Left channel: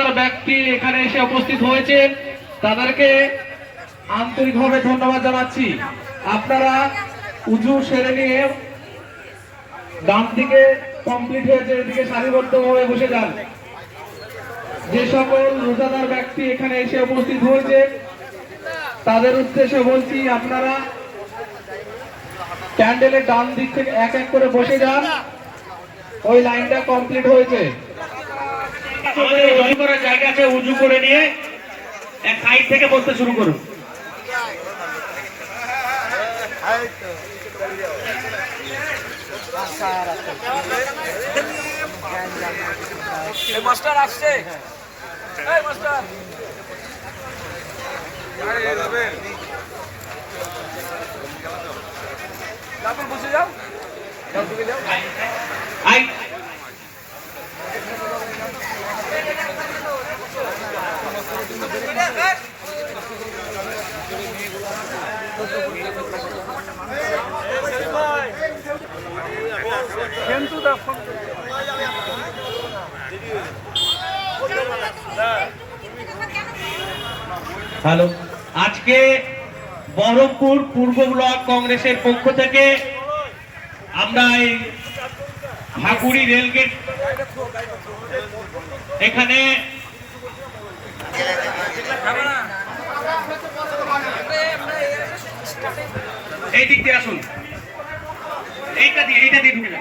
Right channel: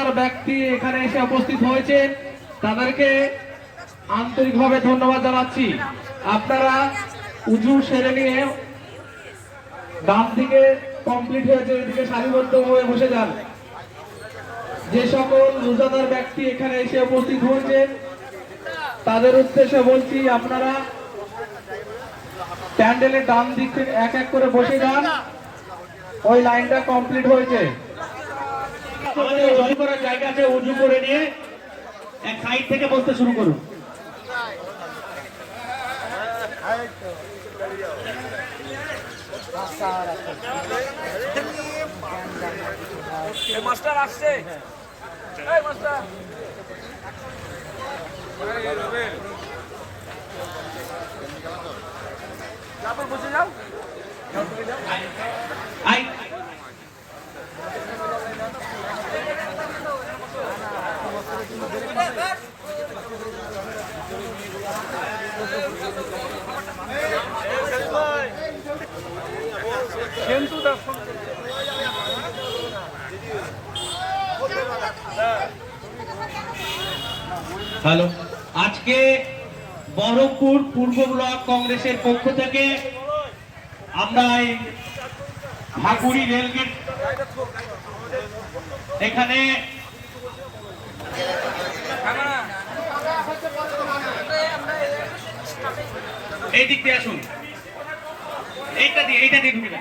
রোজাদার ব্যক্তি এখানে এসে উপস্থিত হয়েছেন। তাদেরকে আন্তরিকভাবে ধন্যবাদ জানাচ্ছি। আপনারা উজু সেরে নিয়ে ডান দিকে কমপ্লিট হয়েছে এদিকে সারিবদ্ধ হয়ে বসে যান। যে সকল রোজাদার ব্যক্তি এখানে এসে উপস্থিত হয়েছে, তাদের উদ্দেশ্যে বলছি আপনারা প্যান্ডেলের ডান দিক থেকে এক এক করে বসে যান। ওই লাইনটা কমপ্লিট হয়েছে। উজু করার জায়গা আছে উজু করে নিয়ে এক সাইড থেকে বসতে শুরু করুন। মাস্টার আসছে। মাস্টার। তারপর বসে যাও আই হ্যালো। আজকে বহরমপুর পূর্ব ব্লক কংগ্রেসের পক্ষ থেকে আমরা এই হাকুড়ি রেলগেট এখানে এই দিক দিয়ে আসুন এইটা দিয়ে এইটা দিয়ে ঢুকে।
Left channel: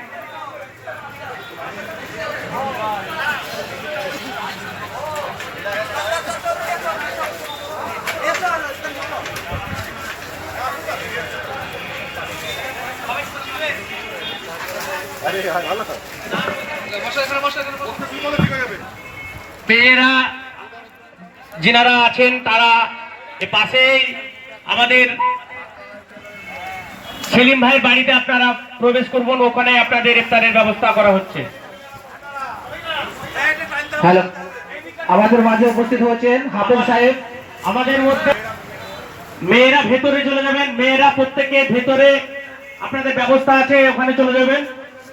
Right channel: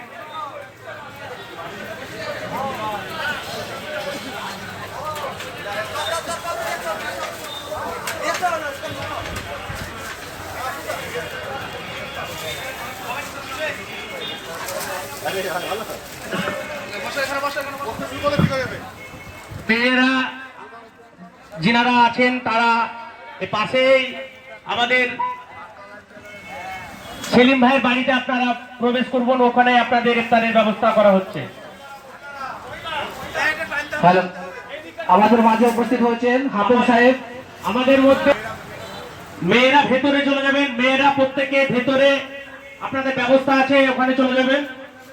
মেয়েরা যিনারা আছেন, তারা পাশেই আমাদের সেলিম ভাইয়ের বাড়িতে আপনারা প্রবেশ করবেন, ওখানে আপনাদের ইফতারের ব্যবস্থা করা হচ্ছে। হ্যালো, আমাদের মাঝে উপস্থিত হয়েছেন হাফেজ সাহেব। আমাদের মধ্যে মেয়েরা ভেতরে চলে যাবেন, মেয়েরা প্রত্যেকে ভেতরে আপনাদের ব্যবস্থা আছে, ওখানে চলে যাবেন।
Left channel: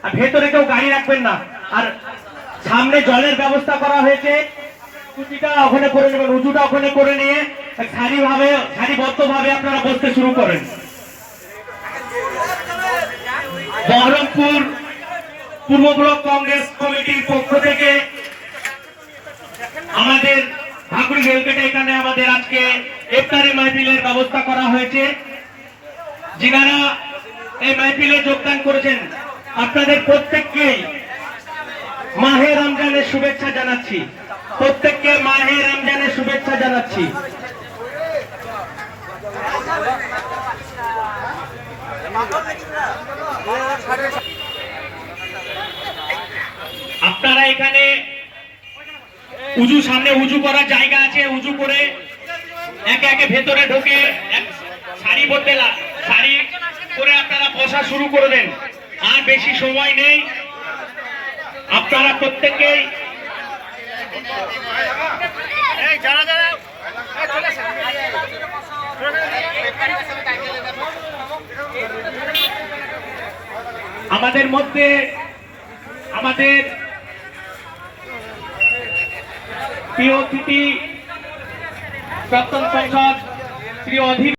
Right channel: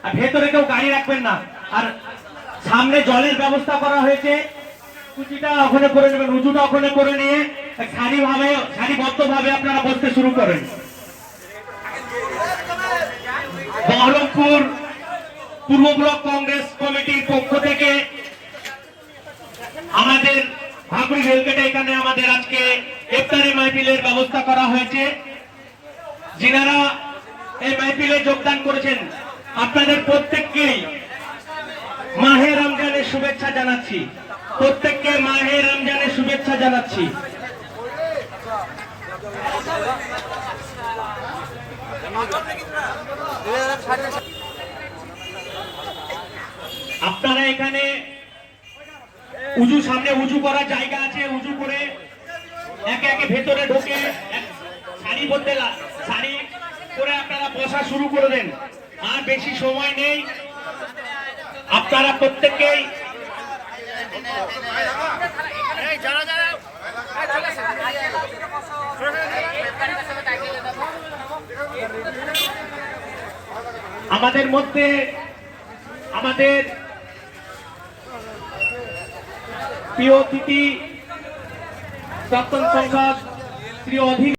আর ভেতরে কেউ গাড়ি রাখবেন না। আর সামনে জলের ব্যবস্থা করা হয়েছে। উঁচুটা ওখানে করে নেবেন, উঁচুটা ওখানে করে নিয়ে সারি ভাবে সারিবদ্ধ ভাবে আপনারা বসতে শুরু করেন। বহরমপুর পূর্ব ব্লক কংগ্রেস কমিটির পক্ষ থেকে আমাদের ঠাকুর রেলগেটে এখানে আমাদের আজকে ইফতারি মাহফিলের ব্যবস্থা করা হয়েছে। যিনারা এই মাহফিলে যোগদান করেছেন, আপনাদের প্রত্যেককেই মাহে রমজানের শুভেচ্ছা জানাচ্ছি। প্রত্যেককে মাহে রমজানের শুভেচ্ছা জানাচ্ছি। আপনারা এখানে উজু সামনে উজু করার জায়গা আছে, উজু করে একে একে ভেতরে ঢোকে শাড়ি বলতে সারি করে আপনারা বসা শুরু করে দেন। আর বেশি সময় নেই। আপনারা প্রত্যেকেই আমাদের মধ্যে আমাদের প্রিয় অতিথি প্রাক্তন সংসদ শ্রী অধীর